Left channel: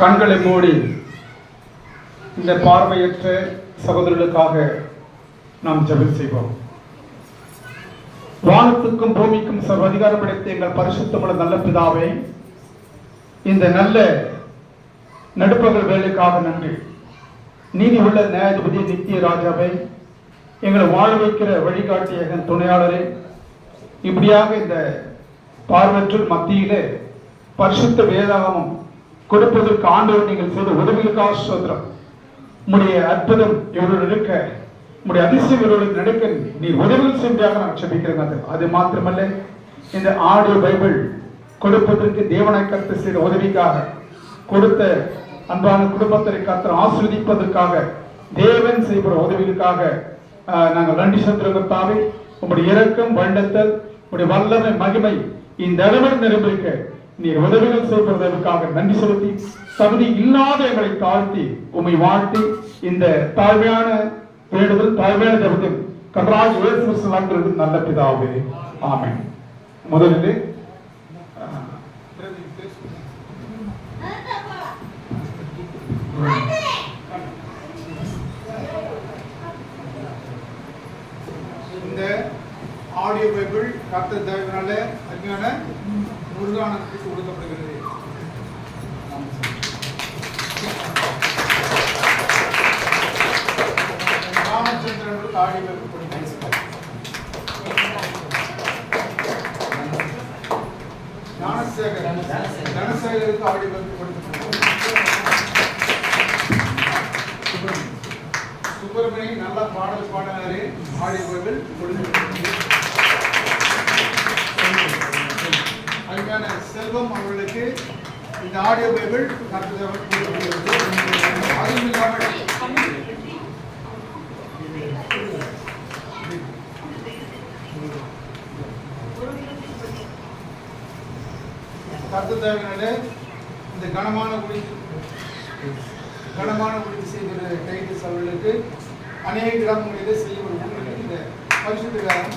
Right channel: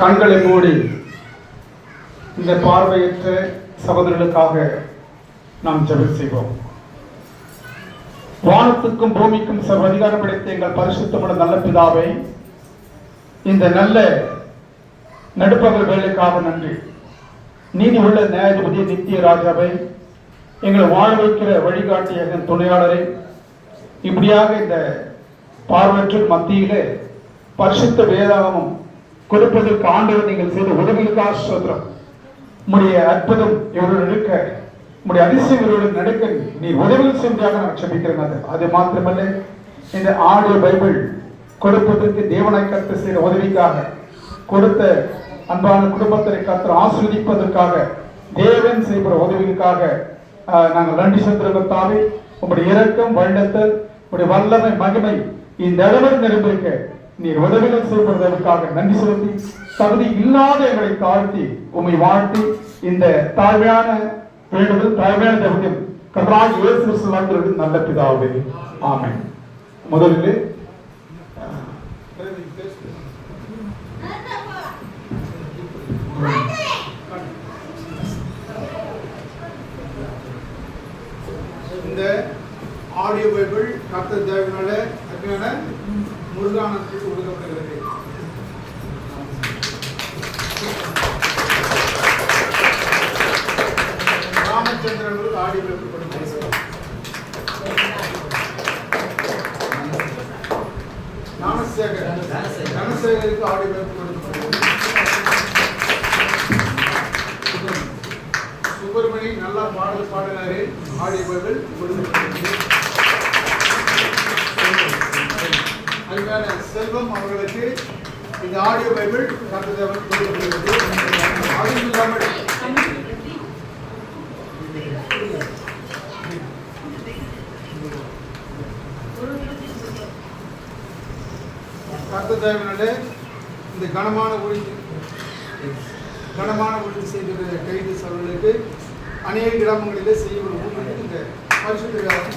கண்களை மூடி இந்த பார்வையற்ற சகோதரர்களுக்காக நாம் ஜெபம் செய்வோம். வானத்துக்கும் பூமிக்கும் சர்வ அதிகாரம் படைத்த எங்கள் பரிசுத்தமுள்ள நல்ல பிதாவே, இந்த நல்ல நடுப்பகல் வேலைக்காக நன்றி. நீதி உள்ள நியாயாதிபதி நித்திய ராஜாவை, எங்களை வாழ வைக்கிற வழிகாட்டிய துணையாளரை, இப்படியாக இந்த பார்வற்ற மத்தியில பரிசுத்த வேதாகமம் கொடுப்பதற்கு ஆண்டவர் நீங்கள் செய்த உதவிகளுக்காக ஸ்தோத்திரம். உம்முடைய அற்புதம் இவர்களுடன் இருக்க, உம்முடைய அதிசயம் இவர்களுடன் நடக்க நீர் உதவிகள் செஞ்சாக நான் செபிக்கிறேன். அது மாத்திரமல்ல, இந்த ஆடியோ பைபிள் கொடுப்பதற்கு தேவனாய் கர்த்தர் செய்த உதவிக்காக, கொடுத்த அன்பான குடும்பத்தை கர்த்தர் ஆசீர்வதிப்பதற்காக, தேவன் செய்கிற உதவிகளுக்காக நாங்கள் நன்றி செலுத்துகிறோம். உங்களுடைய இரக்கம், வல்லத்தல், உங்களுடைய வல்லமை, மகிமை இந்த அளவில் நிறைந்திருக்க நீர் உதவிகள் செய்வதற்காக நன்றி செலுத்தி, தகுதி இல்லாத எங்களை தாழ்த்தி உம்மை வாழ்த்தி, இந்த தாழ்மையான வேண்டுதல், தாழ்மையான ஜெபத்தில் கர்த்தராகிய இயேசு கிறிஸ்து நாமத்தில் நல்ல பிதாவே, ஆமென். முதலில் இந்த ஆடியோ பைபிள் கர்த்தர் தயவினால அருமையான முருகானந்தத்துக்கு கொடுக்கப்படுகிறது. ராமச்சந்திரனுக்கு ஆடியோ பைபிள் கொடுக்கிறது. தனசேகருக்கு ஆடியோ பைபிள் கொடுக்கப்படுகிறது. சுப்பிரமணி நல்லா பாடல் பாடினாரு, ஆடியோ பைபிள் கொடுக்கப்பட்டது. அருமையான செல்வம் அவர்களுக்கு இந்த ஆடியோ பைபிள் கர்த்தர் கொடுக்கப்படுகிறது. அதுவும் இல்லாமல் கர்த்தர் தேவனாலே இந்த கனமான உறுதி செய்துள்ள டைட்டில்ஸ் அவர்களுக்கு அநேக கிராமங்களிலே செய்யப்படும் இந்த பரிசுத்த வேதம்